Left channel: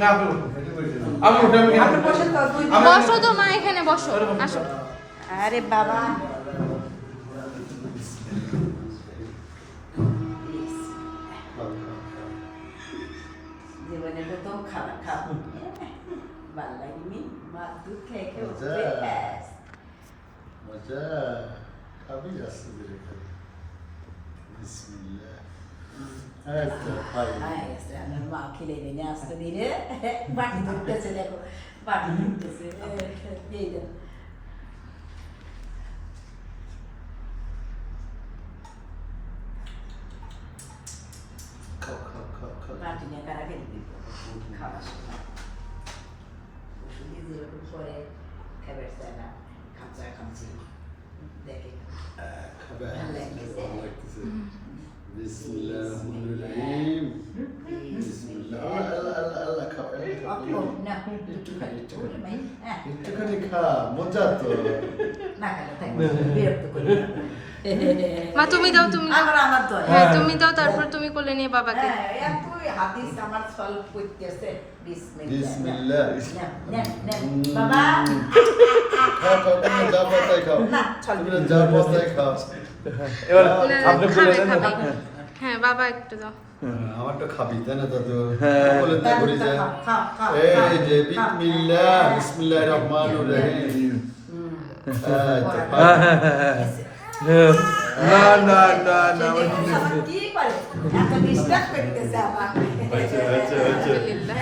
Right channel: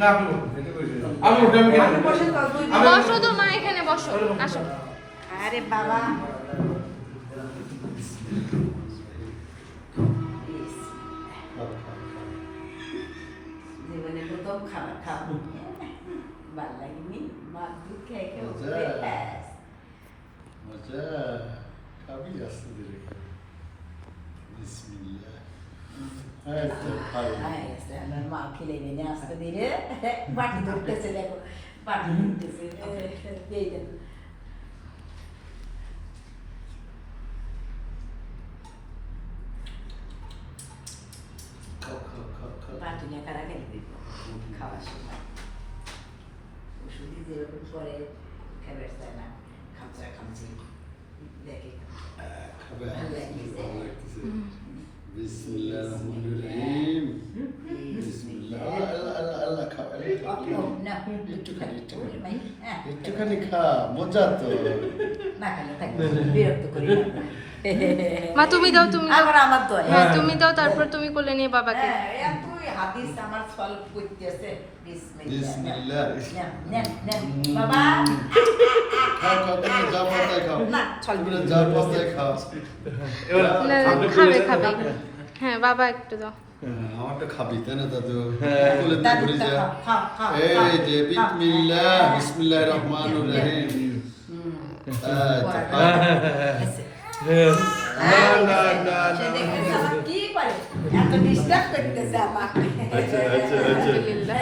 না আপনি বসো তো মা, এখানে বসো, আসো। আরে বাবা জীবনে প্রথম খানা খাবো ভালো লাগেনি মা দুধ খেয়ে খেয়ে মজা। উঠে ব্যাস। মজা খাবি আসতে দিলে বিসমিল্লাহ হ্যাঁ তো খাই হয়ে গেছে আমার মা খেলে এনে আসতে দিলে বাটি ধরতেছে দেখো বাটি ধরতেছে এই দেন খাও খাও খাও খাও বাটি নিয়ে কারা খেলে দিব খাওয়ার সময় ওষুধই যেরকম করে খাবার চায় না খামচা খামচি দেখে খাবে ভালো লাগতেছে। ভালো লাগতেছে বিসমিল্লাহির রহমানির রহিম বিসমিল্লাহ আল্লাহ আল্লাহ আল্লাহ খাও না একটুখানি একটুখানি হ্যাঁ একটুখানি খা মজা তো না খেলে থাকবে বিরক্ত করি না মা তুমি দাও, তুমি দাও। আমার আমার তো হ্যাঁ তুমি দাও, তারপর তুমি কোলে নিয়ে বাবাকে। হ্যাঁ এতই হাদিস আমার সলভ করতেছে বিসমিল্লাহ না না না বাবা খাও খাও তুমি যা পাও তাই খাও না চল তুমি যা পাও তাই খাও এবার না, না, আপনি খাবে, বলে খাবে। দেন হ্যাঁ বাবা একটু দাও। আমারটা খাবি তাই না দাদু হ্যাঁ। বলে দে করে যা এই যে বিসমিল্লাহ বিসমিল্লাহির রহমানির রহিম এই তো খা। না না সে দেখুন আমার কি করে এত ডিস্টার্ব করতেছে আমার আচ্ছা আচ্ছা আচ্ছা আলহামদুলিল্লাহ।